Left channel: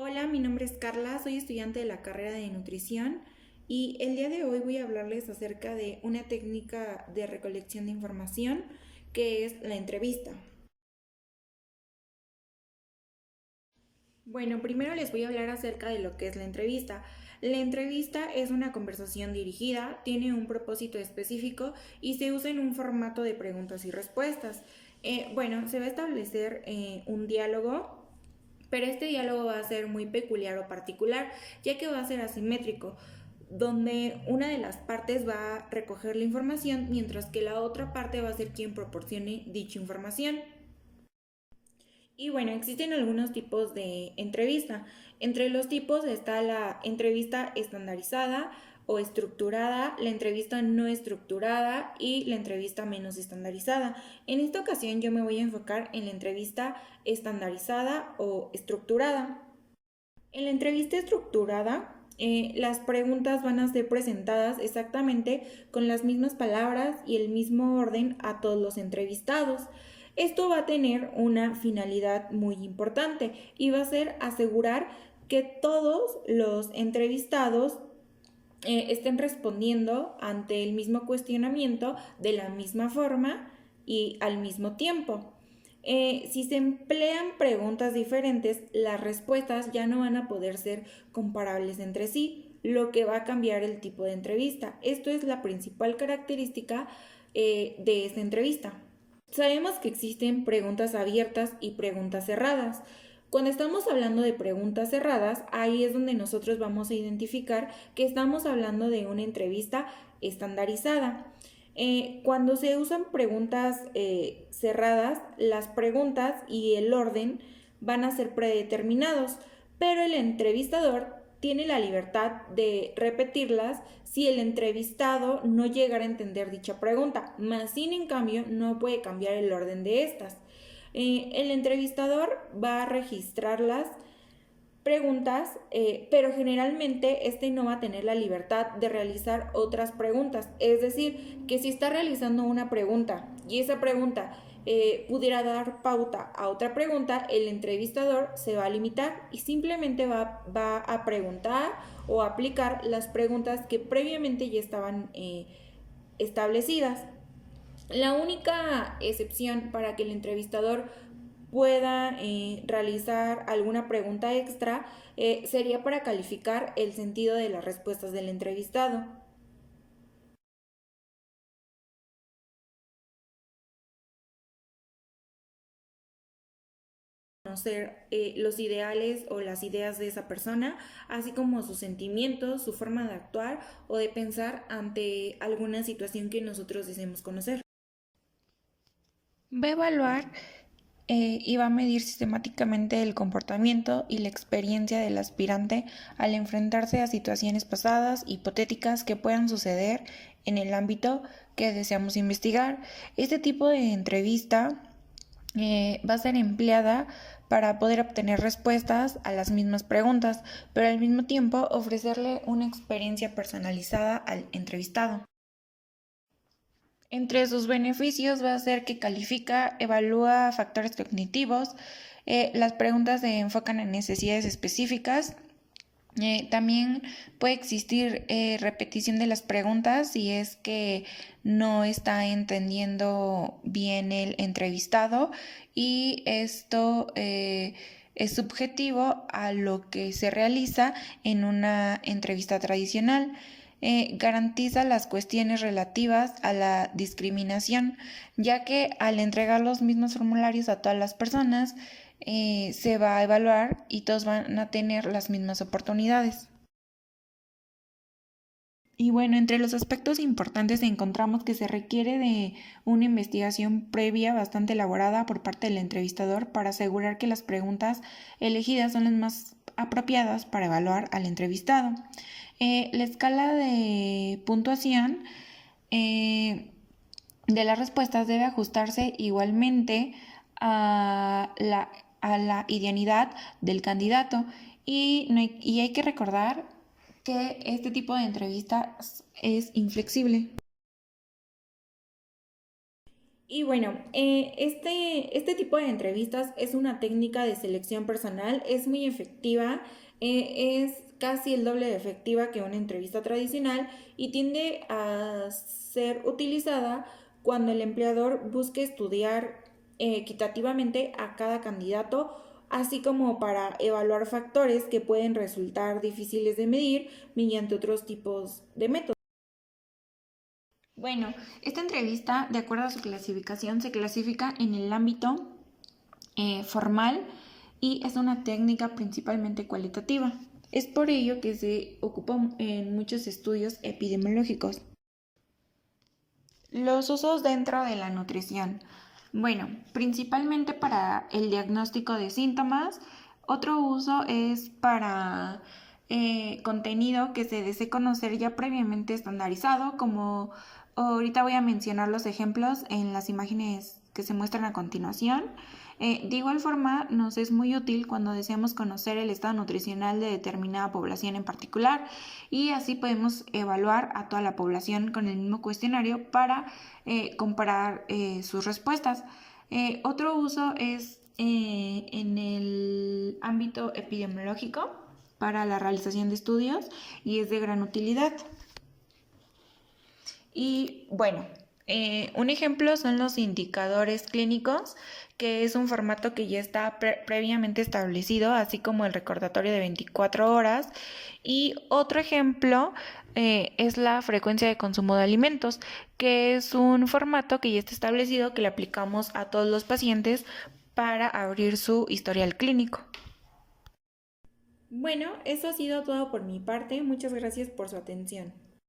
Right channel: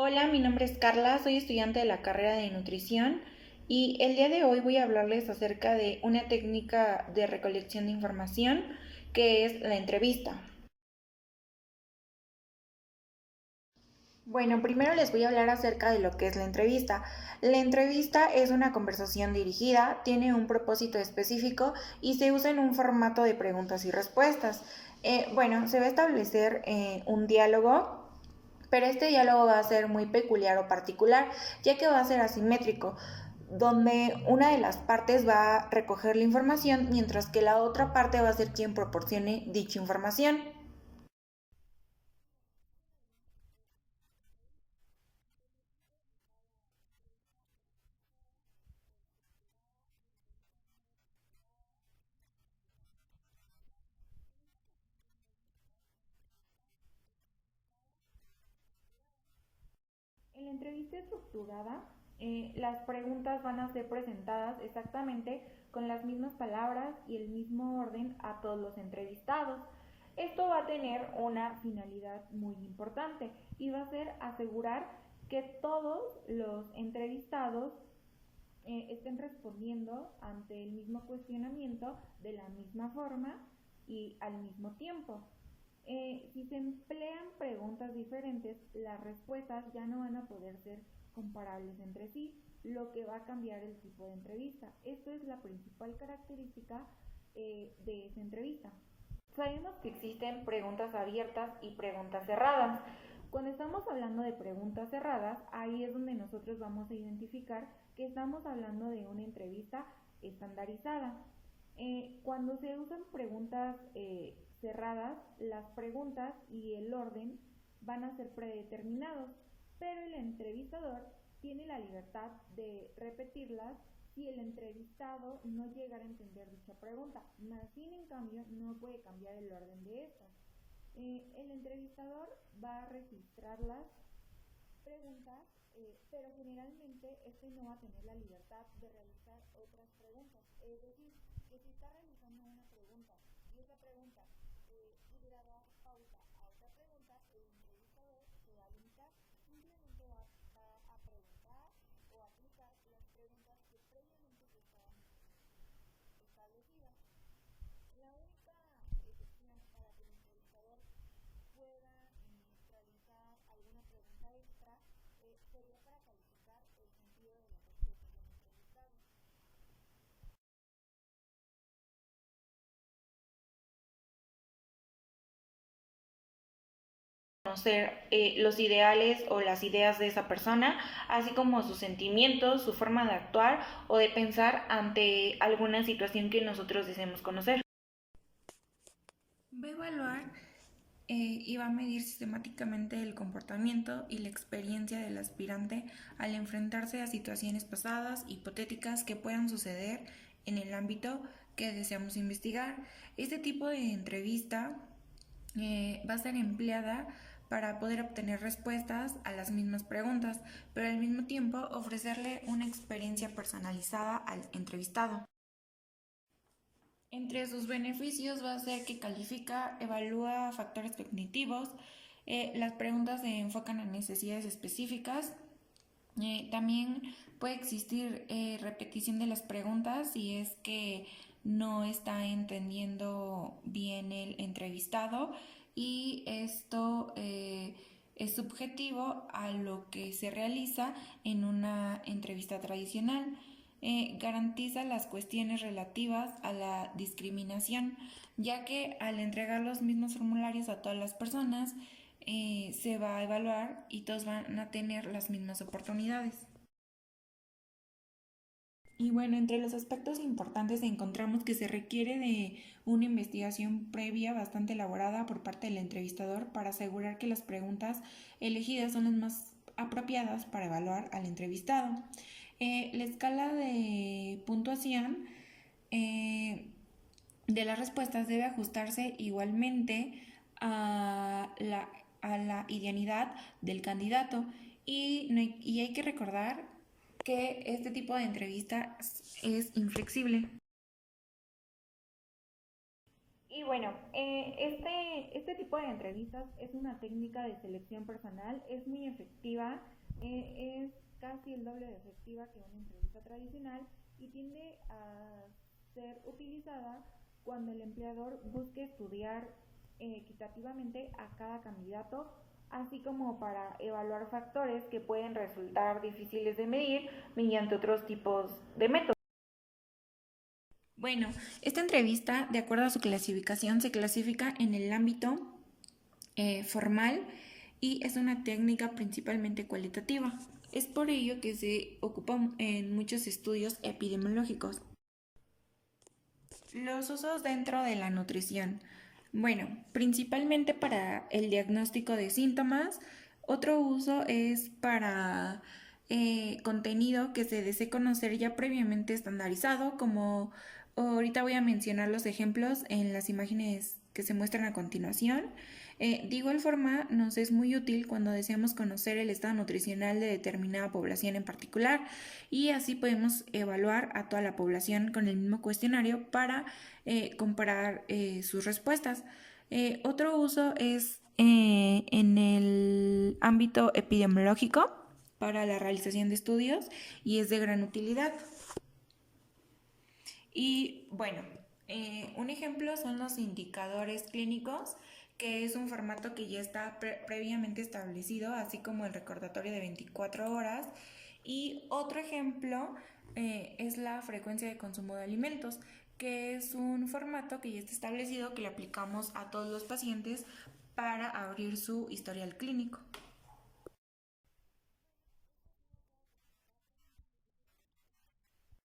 Hola, mi nombre es Carla, soy estudiante de la carrera de nutrición y el día de hoy voy a hablarles acerca de una técnica de recolección de información que es la entrevista. Bueno, primero les voy a hablar acerca de lo que es la entrevista. La entrevista es una conversación dirigida, tiene un propósito específico y se usa en un formato de preguntas y respuestas. Se va a establecer un diálogo, pero este diálogo va a ser muy peculiar o particular, ya que va a ser asimétrico, donde una de las partes va a recoger la información, mientras que la otra parte va a ser quien proporcione dicha información. Y bueno, existen algunos tipos de entrevista. Entre los tipos está la entrevista estandarizada o estructurada, la entrevista no estructurada y la entrevista menos estandarizada. En esta ocasión yo me voy a enfocar en la entrevista estandarizada o estructurada. En la entrevista estructurada, las preguntas van a ser presentadas exactamente con las mismas palabras y el mismo orden a todos los entrevistados. Esto va a tener una finalidad muy importante y va a ser asegurar que todos los entrevistados estén respondiendo ante el mismo cuestionamiento de la misma forma y al mismo tiempo. Si se emplean preguntas diferentes, las respuestas ya no van a poder ser comparables entre sí, lo que va a cambiar el tipo de entrevista. Esto es la principal característica de esta entrevista. Sabemos que existen preguntas abiertas y preguntas cerradas. Cuando estamos hablando de preguntas cerradas, ahí es donde nosotros vamos a identificar que estamos hablando de una entrevista estandarizada. Cuando se usan preguntas cerradas, las preguntas y el orden van a ser predeterminados, pero el entrevistador tiene la libertad de repetirlas si el entrevistado no llegara a entender dicha pregunta, más sin en cambio no puede cambiar el orden de estas. El entrevistador va a registrar las preguntas, pero generalmente este no va a tener la libertad de realizar otras preguntas. Es decir, que si está realizando una pregunta y esa pregunta pudiera dar pauta a otra pregunta, el entrevistador se va a limitar y simplemente va a preguntar o aplicar las preguntas que previamente ya estaban establecidas. La única excepción para que el entrevistador pueda realizar alguna pregunta extra sería para calificar el sentido de las respuestas del entrevistado. Conocer los ideales o las ideas de esa persona, así como sus sentimientos, su forma de actuar o de pensar ante alguna situación que nosotros deseemos conocer. Va a evaluar y va a medir sistemáticamente el comportamiento y la experiencia del aspirante al enfrentarse a situaciones pasadas, hipotéticas que puedan suceder en el ámbito que deseamos investigar. Este tipo de entrevista va a ser empleada para poder obtener respuestas a las mismas preguntas, pero al mismo tiempo ofrecerle una experiencia personalizada al entrevistado. Entre sus beneficios va a ser que califica, evalúa factores cognitivos, las preguntas se enfocan en necesidades específicas, también puede existir repetición de las preguntas si es que no está entendiendo bien el entrevistado y esto es subjetivo a lo que se realiza en una entrevista tradicional. Garantiza las cuestiones relativas a la discriminación, ya que al entregar los mismos formularios a todas las personas, se va a evaluar y todos van a tener las mismas oportunidades. Y bueno, entre los aspectos importantes encontramos que se requiere de una investigación previa bastante elaborada por parte del entrevistador para asegurar que las preguntas elegidas son las más apropiadas para evaluar al entrevistado. La escala de puntuación de las respuestas debe ajustarse igualmente a la idoneidad del candidato y hay que recordar que este tipo de entrevista es inflexible. Y bueno, este tipo de entrevistas es una técnica de selección personal, es muy efectiva, es casi el doble de efectiva que una entrevista tradicional y tiende a ser utilizada cuando el empleador busque estudiar equitativamente a cada candidato, así como para evaluar factores que pueden resultar difíciles de medir mediante otros tipos de métodos. Bueno, esta entrevista, de acuerdo a su clasificación, se clasifica en el ámbito formal y es una técnica principalmente cualitativa. Es por ello que se ocupa en muchos estudios epidemiológicos. Los usos dentro de la nutrición. Bueno, principalmente para el diagnóstico de síntomas. Otro uso es para contenido que se desee conocer ya previamente estandarizado, como ahorita voy a mencionar los ejemplos en las imágenes que se muestran a continuación. De igual forma, nos es muy útil cuando deseamos conocer el estado nutricional de determinada población en particular y así podemos evaluar a toda la población con el mismo cuestionario para comparar sus respuestas. Otro uso es en el ámbito epidemiológico para la realización de estudios y es de gran utilidad. Y bueno, un ejemplo son los indicadores clínicos, que es un formato que ya está previamente establecido, así como el recordatorio de 24 horas. Y otro ejemplo es la frecuencia de consumo de alimentos, que es un formato que ya está establecido, que le aplicamos a todos los pacientes para abrir su historial clínico. Bueno, eso ha sido todo por mi parte. Muchas gracias por su atención.